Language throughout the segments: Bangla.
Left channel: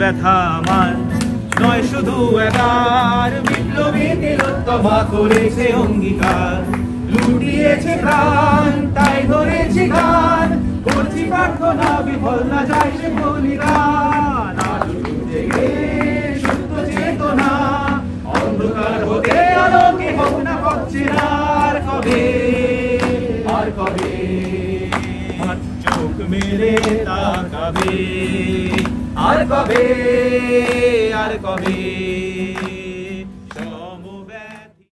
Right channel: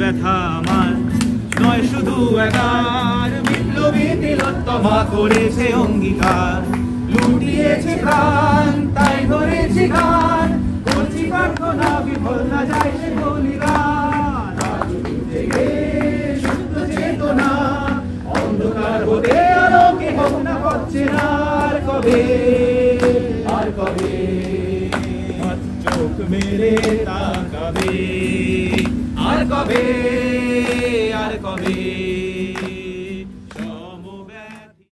ব্যথা আমার নয় শুধু একার, বিপ্লবী তিলোত্তমা করেছে অঙ্গীকার, লুটিয়েছে প্রাণ তাই ধরেছি গান, করছি প্রার্থনা বিফল না যায় বলিগান। সুপ্ত চেতনা অন্ধকার হতে আলোকে হোক না পাচ্ছে না আর কবে, আর কবে চোখ মেলে তাকাবে, আর কবে, আর কবে।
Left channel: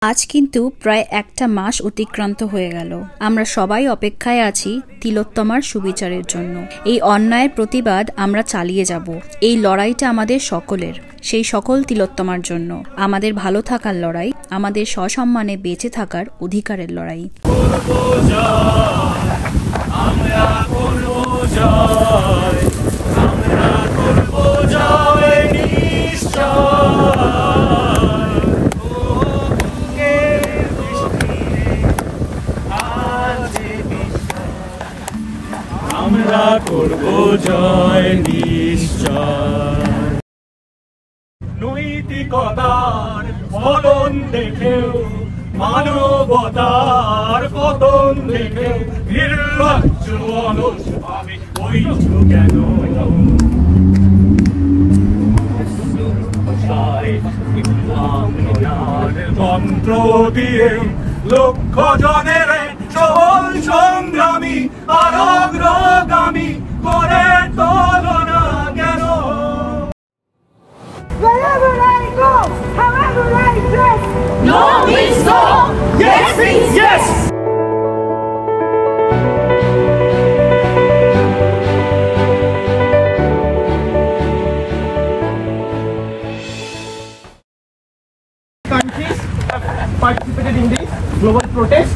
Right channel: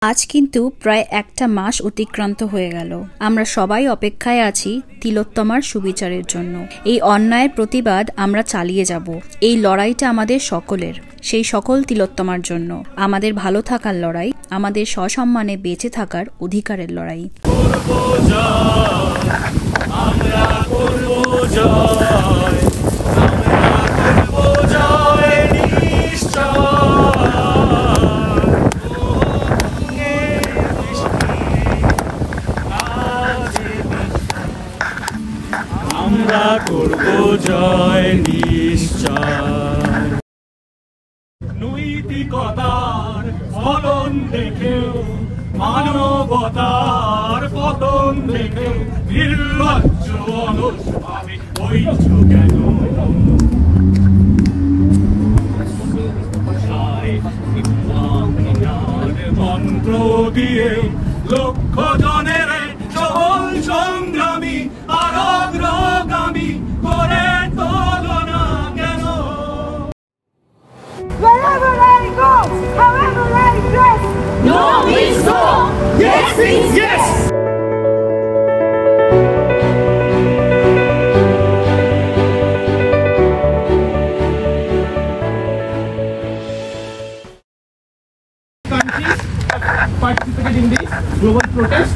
আজ কিন্তু প্রায় একটা মাস অতিক্রান্ত হয়ে গেল। আমরা সবাই অপেক্ষায় আছি তিলোত্তমার সুবিচারের জন্য। এই অন্যায়ের প্রতিবাদ আমরা চালিয়ে যাব। এই লড়াইটা আমাদের সকলের, সেই সকল তিলোত্তমার জন্য। আমাদের ভালো থাকার লড়াই, আমাদের সসম্মানে বেঁচে থাকার অধিকারের লড়াই। আমরা করব জয় নিশ্চয়। নৈতিকতার ফলন দেখেও, মানবতার পতন দেখেও নির্লজ্জ অলস ভাবে হইছ কেন? মন্ত্র দিয়ে লক্ষ জনের সবল সংগ্রামী আর অগ্রগামী করে তুলনা কেন? Wherever I go, however I dress, no means no, yes means yes. Countries have participated in this global protest.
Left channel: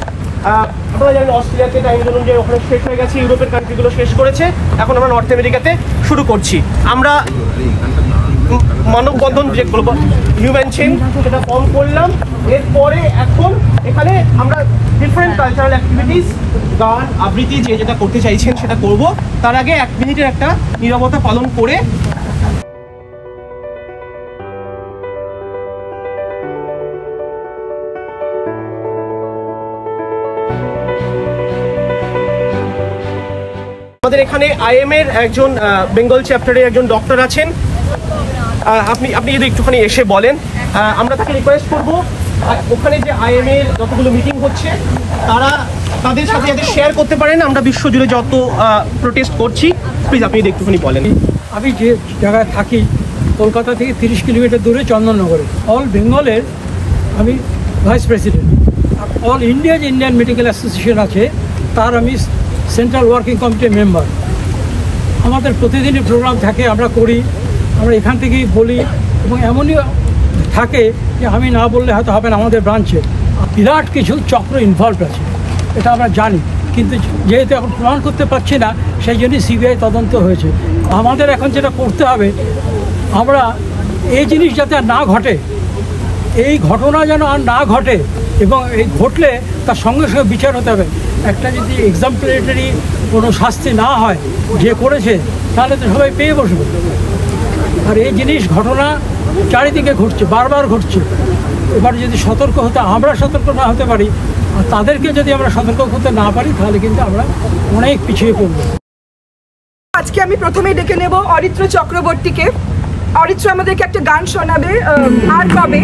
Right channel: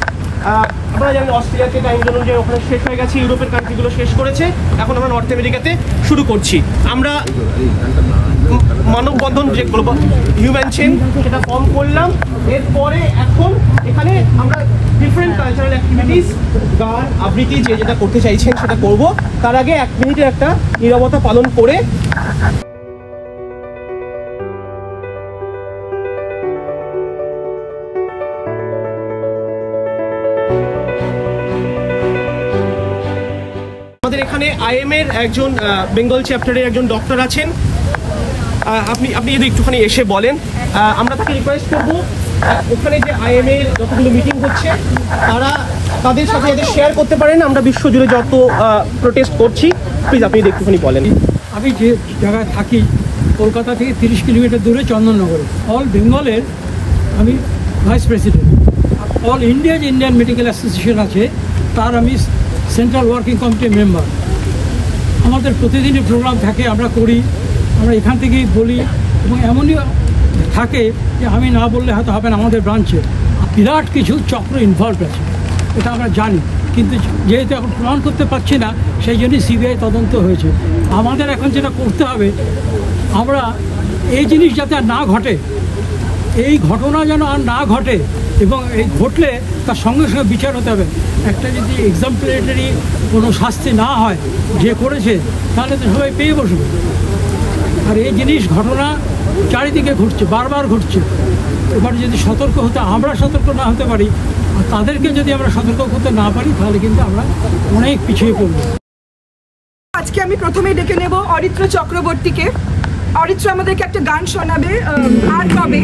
আমরা জানি অস্ট্রেলিয়াতে টাইম জোন যে ওখানে শেষ হয়ে গেছে, ইউরোপের কান্ট্রিগুলো শেষ করেছে, এখন আমরা নর্থ আমেরিকাতে শুরু করছি। আমরা মানববন্ধন যে গ্লোবাল হিউম্যান চেইন সেটা ফর্ম করলাম। এরপরে এখন এখানে আমরা ডিফারেন্ট কালচারাল অ্যাক্টিভিটিস, গান আবৃত্তি যে যেটা করতে চাইছেন সেটা করব। তার আগে 1 মিনিটের একটা নীরবতা পালন করে আমাদের এখানে আইএম এর একজন বেঙ্গল চ্যাপ্টারের একজন ডক্টর আছেন, আপনি যদি একটুখানি এসে বলেন। আমরা তাকে রিকোয়েস্ট করবো ওখানে যে আইএম এর যতগুলো মিটিং হচ্ছে তাদের সাথে যাতে শেয়ার করতে পারেন। আমরা বিশ্বজুড়ে যত প্রোটেস্ট করছি, প্লিজ আপনি একটুখানি বলেন। আমি যে জায়গায় থাকি কলকাতা থেকে 30 কিলোমিটার দূরে চন্দননগরে, অল বেঙ্গলের আমি ভাইস প্রেসিডেন্ট। আর অল ইন্ডিয়া যে ইন্ডিয়ান মেডিকেল অ্যাসোসিয়েশন আছে তার আমি সেন্ট্রাল ওয়ার্কিং কমিটির মেম্বার। আমাদের প্রতিদিনই প্রোগ্রাম থাকে, আমরা করি, আমরা এখান থেকেই বলি, এবং এমনই থাকে যে আমি না বললে হয়তো হবে না, আমাদের ব্রাঞ্চে বিরাট কিছু চক্র ইনভলভ আছে, এটা আমরা জানি। কিন্তু যেহেতু এখন প্রমাণ করতে পারছি না, সেই জন্যই সিবিআই তদন্ত হয়েছে। আমাদের এখন যেটা করতে হবে, আমরা এই জিনিস যাতে আর না ঘটে, এই ঘটনা যেন আর না ঘটে, এবং এই ঘটলে তার সঙ্গে সঙ্গে বিচার হতে হবে। একটা যদি এক্সাম্পলেটারি কোনো শাস্তি না হয় যে করেছে, তাহলে তো সবাই পেয়ে বসবে। আর এই জিনিস ঘটনা চারিদিকে ঘটছে, বারবার ঘটছে। এবার যদি সতর্ক হতে আমরা সতর্ক না হতে পারি, আর তাদেরকে যদি আমরা সতর্ক হতে না পারি, তাহলে কিন্তু আমরা অনেক পিছিয়ে পড়ব। আজকে আমি প্রথমেই ডেকে নেব অরিত্র চক্রবর্তীকে। অরিত্র আমাদেরকে একটা গান শোনাবে, আর কবে।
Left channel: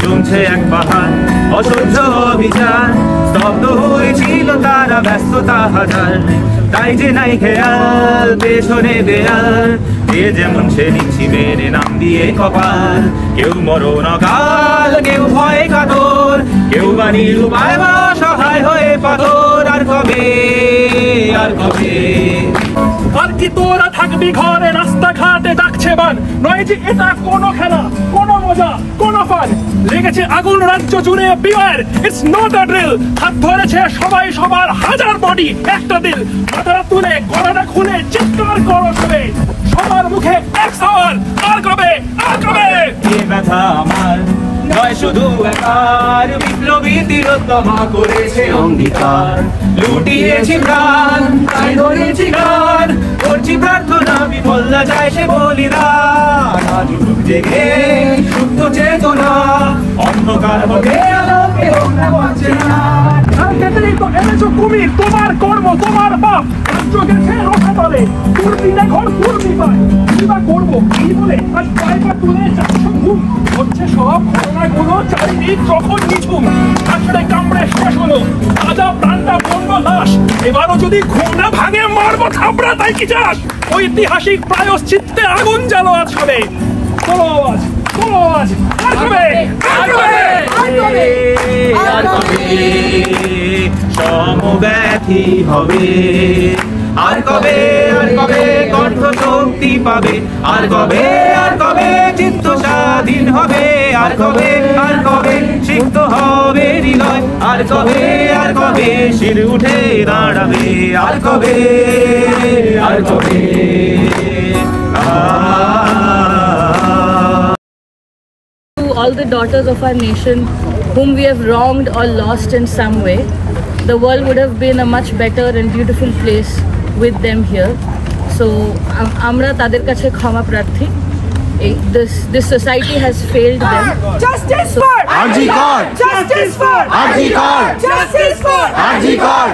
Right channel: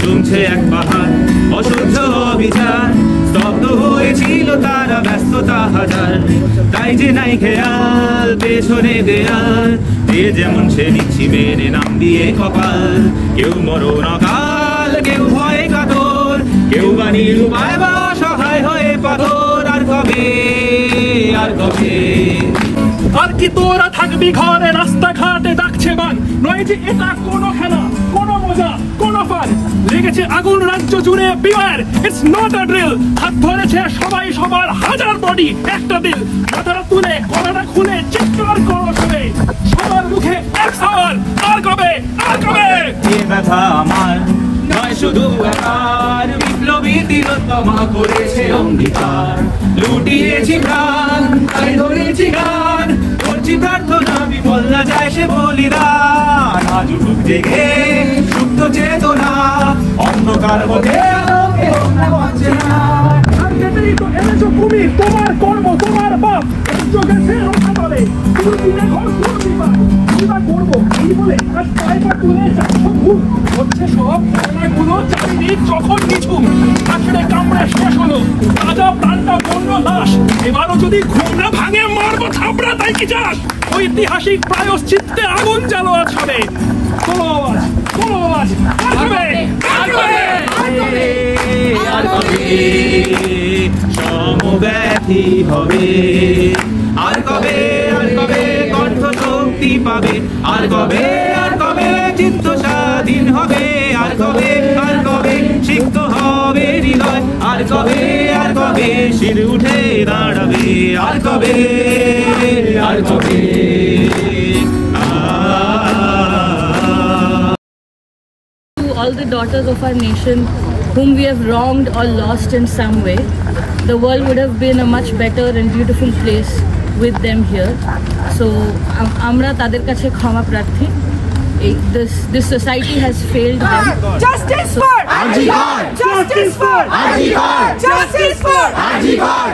জমছে এক পাহাড় অসহ্য অভিযান, স্তব্ধ হয়েছিল তারা ব্যস্ততা হাজার, তাই যে নাই খেয়াল পেছনে দেয়াল, যে যেমন সে নিচ্ছি মেনে নাম দিয়ে কপাল। কেউ মরণ কাল, কেউ ভয়ে কাতর, কেউ বা নিরুপায় বা সহায় হয়ে পাথর। আর কবে, আর কবে, আর কি তোরা থাকবি ঘরে, রাস্তাঘাটে ডাকছে বান, নয় যে এটা কোনো খেলা, কোনো মজা, কোনো ফান। লেগেছে আগুন রাজ্য জুড়ে, beware it's not a drill. হাত ধরেছে সবাই সবার, হাজার বডি একটা দিল। মাথাটা তুলে গলাটা খুলে চিৎকার করো সবে, সবার মুখে এক সাওয়ার, আর কবে, আর কবে। এ ব্যথা আমার নয় শুধু একার, বিপ্লবী তিলোত্তমা করেছে অঙ্গীকার। লুটিয়েছি প্রাণ, তাই ধরেছি গান, করছি প্রার্থনা বিফল না যায় সে বলিদান। আজ উঠুক জেগে সুপ্ত চেতনা, অন্ধকার হবে আলোকে হোক না বঞ্চনা। কুমির তোমার কর্ম তোমার পাপ, রাজ্য গেছে রসাতলে, দুর্দিনে ঘর দুর্দি পায়, কিবা করবো এই বলে আজ পায়টা তুলে যাচ্ছ ঘুম। হচ্ছে সব ঘটনাগুলো চারিদিক যখন নিঝুম, আসলে কামড়ে শেষ হলো তাজা প্রাণটা বন্য লাশ। এবারও যদি ঘুম না ভাঙে মারবো থাবড়া, তাই কি চাস? ঐতিহাসিক প্রায়শ্চিত্তে আগুন জ্বালো আজ হবে। চলো আজ, চলো আজ, আর হবে, আর হবে, আর হবে, আর কবে সমব্যথী হবে, আর কবে কণ্ঠ শক্তি পাবে, আর কবে চিত্ত স্বাধীন হবে, আর কবে সিক্ত হবে হৃদয়, আর কবে শির উঠে দাঁড়াবে, আর কবে all the daughters of our nation whom we have wronged or lost in some way, the world would have been a much better and beautiful place with them here. So amra tader kache khama prarthi. This society has failed them. Justice for Arji Kar! Justice for Arji Kar! Justice for Arji Kar!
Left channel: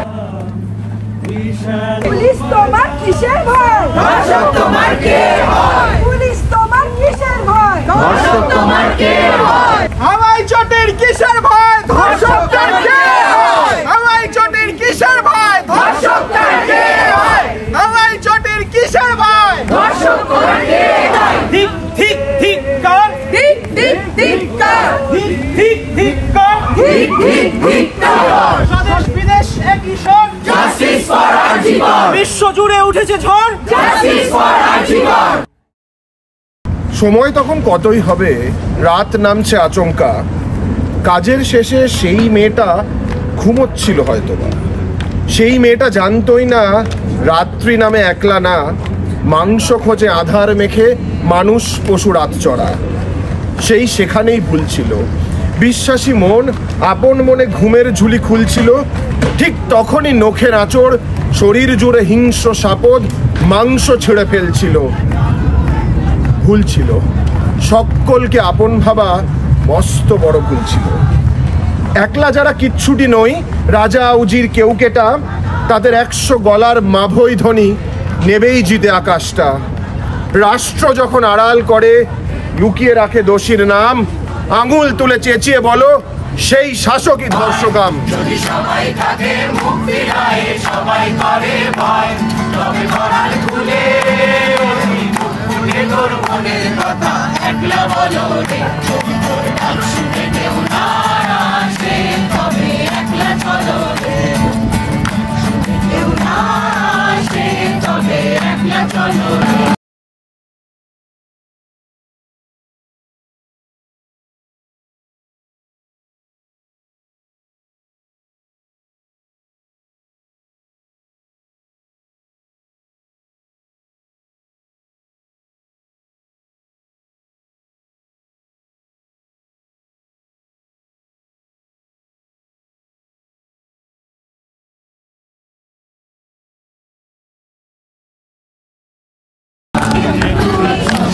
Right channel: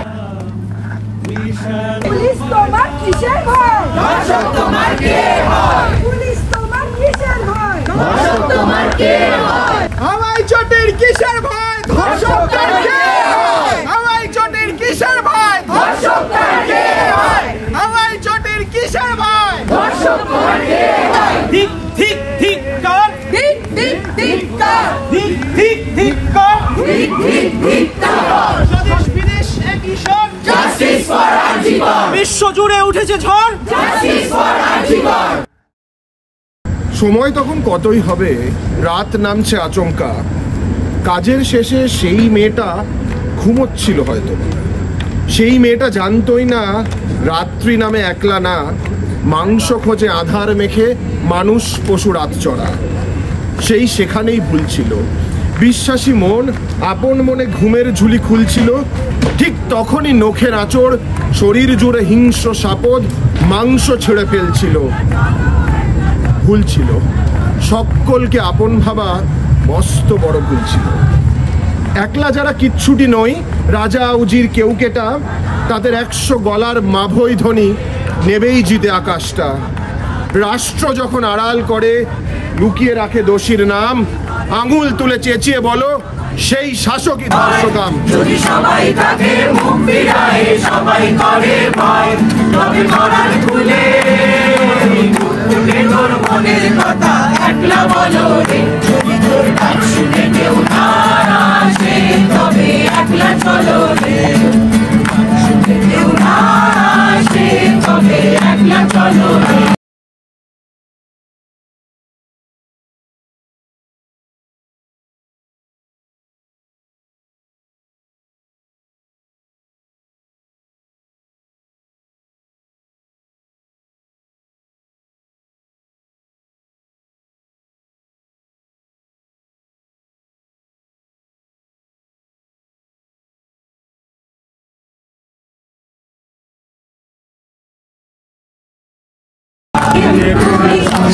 Police তোমার কিসের ভয়? ধর্ষক তোমার কে হয়? পুলিশ তোমার কিসের ভয়? ধর্ষক তোমার কে হয়? আমায় চোটের কিসের ভয়? ধর্ষকদের কে হয়? আমায় চোটের কিসের ভয়? ধর্ষকদের কে হয়? আমায় চোটের কিসের ভয়? ধর্ষকদের কে হয়? ঠিক ঠিক ঠিক কর, ঠিক ঠিক ঠিক কর, ঠিক ঠিক ঠিক কর, ঠিক ঠিক ঠিক কর। স্বদেশ বিদেশ একই স্বর। Justice for Arji Kar! বিশ্ব জুড়ে উঠেছে ঝড়। Justice for Arji Kar! সময় তখন কতই হবে, রাত নামছে আচমকা। কাজের শেষে সেই মেয়েটা ঘুমোচ্ছিল হয়তোবা। সেই মেয়েটা জানতই না রাত্রি নামে একলা না, মাংস খোঁজে আধার মেখে মানুষ পশু রাত চড়া। সেই সেখানেই ভুল ছিল। বিশ্বাসী মন আপন মনে ঘুমের ঝুলি খুলছিল। ঠিক তখনই নখের আঁচড় শরীর জুড়ে হিংস্র সাপদ মাংস ছেড়ে ফেলছিল। ভুল ছিল, সকলকে আপন ভাবা মস্ত বড় ভুল ছিল। একলা যারা কিচ্ছুটি নই, রাজা উজির কেউ কেটা, তাদের 100 গলার মাভৈ ধ্বনি নেবেই জিতে আকাশটা। রাষ্ট্র যখন আড়াল করে লুকিয়ে রাখে দোষীর নাম, আঙুল তুলে চেঁচিয়ে বলো সেই শাসকই ধর্ষকাম। যদি সবাই তাদের মুখ ফিরায়, সবাই করে ভয়, তবে করার খুলে তোর মনের কথা একলা বলো রে। যদি তোর ডাক শুনে কেউ না আসে, তবে একলা চলো রে। শুনে কেউ না আসে, তবে একলা চলো রে।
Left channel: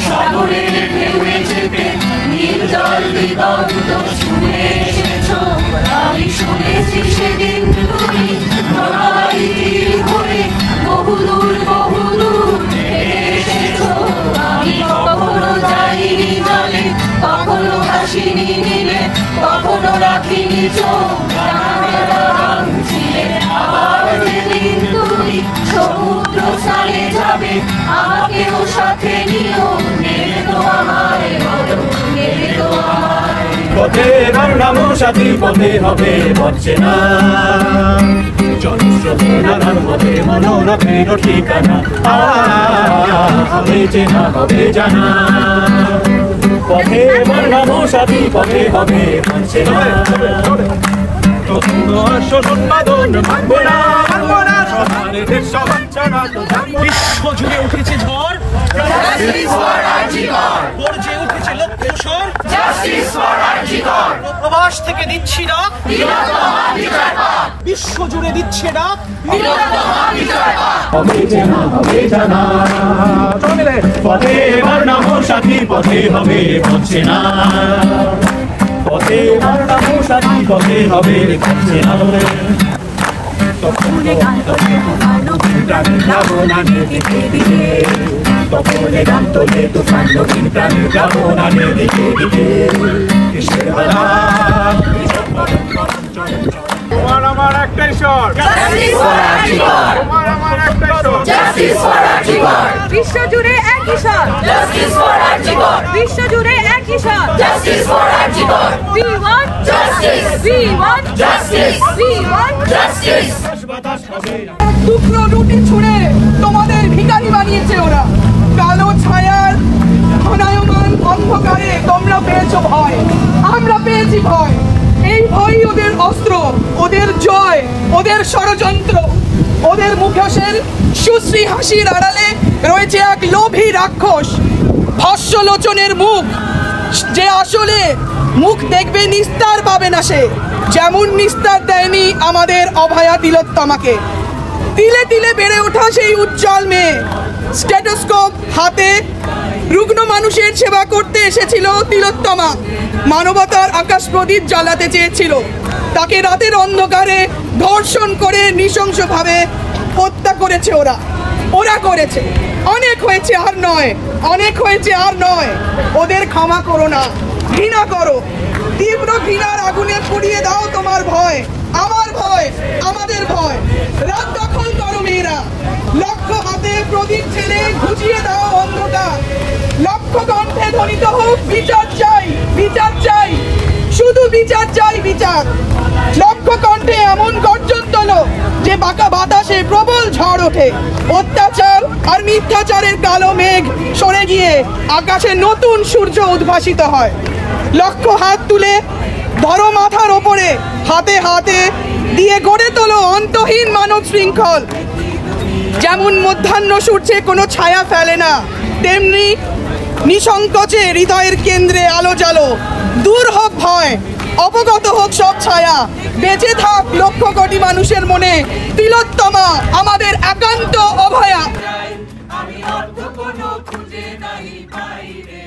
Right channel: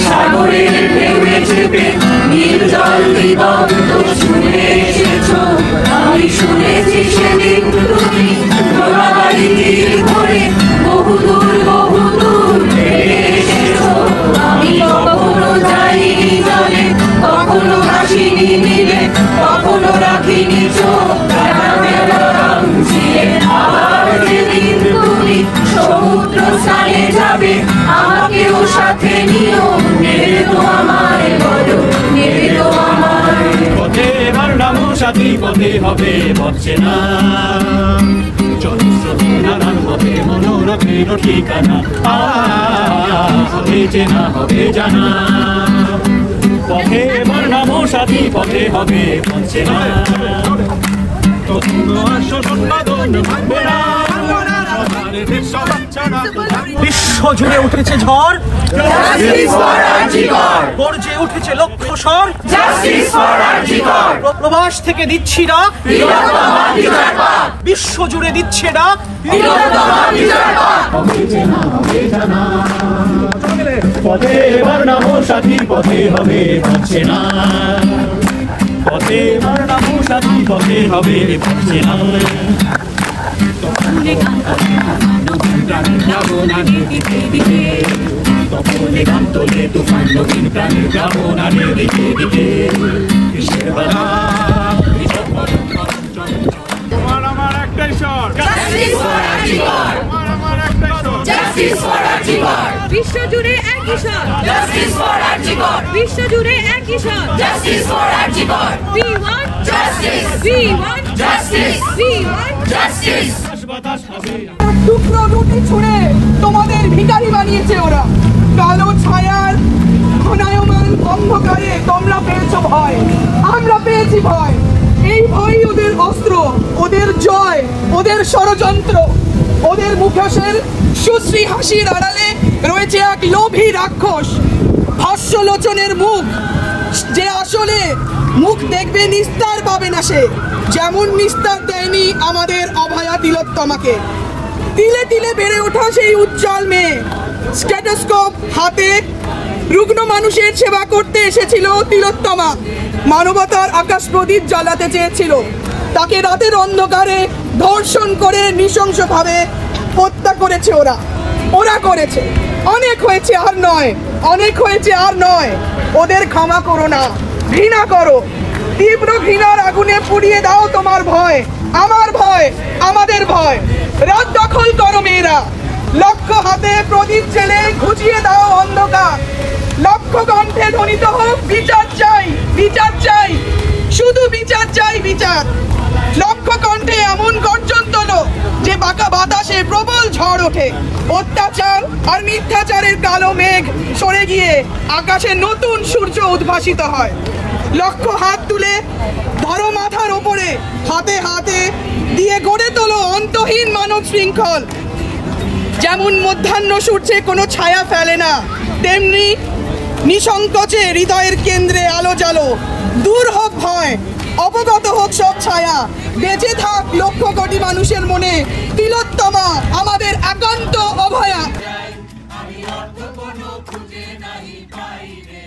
সাগরের ঢেউয়ে চেপে নীল জল দিগন্ত শুনে এসেছো, আমি শুনেছি সেদিন তুমি ঘোড়াবাড়ি তীর ধরে বহুদূর এসেছো। আমি কখনো যাইনি জলে, কখনো ভাসিনি নীলে, কখনো রাখিনি চোখ আবার যেদিন তুমি সমুদ্র স্নানে যাবে, আমাকেও সাথে নিও, নেবে তো আমায় বলো, নেবে তো আমায়। পথে নামো সাথী, পথে হবে মরছে না, জনস্রোতে নানান পথে মনোরথের ঠিকানা, হবে চেনা হবে জানা। পথে নামো সাথী, পথে হবে মরছে না। শোষণ বাদন মানব না সবার দেড়শো বাচ্চারা বিশ্ব জুড়ে উঠেছে ঝড়, গর্জে উঠেছে লক্ষ্য স্বর, প্রবাস থেকে দিচ্ছি ডাক, বিশ্ব জুড়ে দিচ্ছে ডাক। পথে এবার না সাথীর পথে হবে হচ্ছে না, পথে এবার না সাথী পথে হবে হচ্ছে না। তপনে গান তোলে প্রাণীর ভাবনানের দিকে দিকে, তপনে গান তোলে তুফান নবীন প্রাণীর ভাবনানের দিকে দিকে। কিসের বেলা তোমার আমার একটাই স্বর, তোমার আমার একটাই স্বর, বিশ্ব জুড়ে একই স্বর, বিশ্ব জুড়ে একই স্বর, We want justice, we want justice, we want justice. টুকরো রুটি ছুঁড়ে তোমাদের ভিখারি বানিয়েছে ওরা, কালো ছায়ার ঘনায়মান অন্ধকারে তোমরা পেয়েছো ভয়, আমরা পেয়েছি ভয়। এই ভয় ওদের অস্ত্র, ওদের জয়, ওদের ষড়যন্ত্র। ওদের মুখোশের সুশ্রী হাসির আড়ালে রয়েছে এক লোভী রাক্ষস, ভস্যলোচনের মুখ, যে আসলে মুখ দেখবে নিস্তার পাবে না সে, যেমন নিস্তার দেয়নি আমাদের অভয়া তিলোত্তমাকে। তিলে তিলে বেড়ে ওঠা সেই উজ্জ্বল মেয়ে, স্টেথোস্কোপ হাতে রুগ্ন মানুষের সেবা করতে এসেছিল তিলোত্তমা। মানবতার আকাশ প্রদীপ জ্বালাতে চেয়েছিল, তাকে রাতের অন্ধকারে ধর্ষণ করে নৃশংসভাবে হত্যা করেছে ওরা। ওরা করেছে, অনেক হয়েছে আর নয়, অনেক হয়েছে আর নয়। ওদের ক্ষমা করো না, ঘৃণা করো, তীব্র ঘৃণার আগুনে পুড়িয়ে দাও তোমার ভয়, আমার ভয়, আমাদের ভয়। রাত দখল করো মেয়েরা, লক্ষ্য হাতে প্রদীপ জেলে ঘুচিয়ে দাও অন্ধকার। লক্ষ্য কণ্ঠে ধ্বনিত হোক বিচার চাই, বিচার চাই, শুধু বিচার চাই, বিচার। লক্ষ্য কণ্ঠে এমন গর্জন তোলো যে বাঁকা বাতাসে প্রবল ঝড় ওঠে। অত্যাচার আর মিথ্যাচারের কালো মেঘ সরে গিয়ে আকাশে নতুন সূর্য উদ্ভাসিত হয়। লক্ষ্য হাত তুলে ধরো মাথার ওপরে, হাতে হাতে দিয়ে গড়ে তোলো অন্তহীন মানব শৃঙ্খল। যেমন মধ্যাহ্ন সূর্যে কোনো ছায়া ফেলে না, তেমনি নিঃসংকোচে হৃদয়ের কেন্দ্রে আলো জ্বালো। দূর হোক ভয়, অবগত হোক সব ছায়া, বেঁচে থাক লক্ষ কোটি মানুষের মনে তিলোত্তমা, আমাদের একান্ত অভয়া। আমি অর্থ কোনো খুঁজে নাই পাই রে।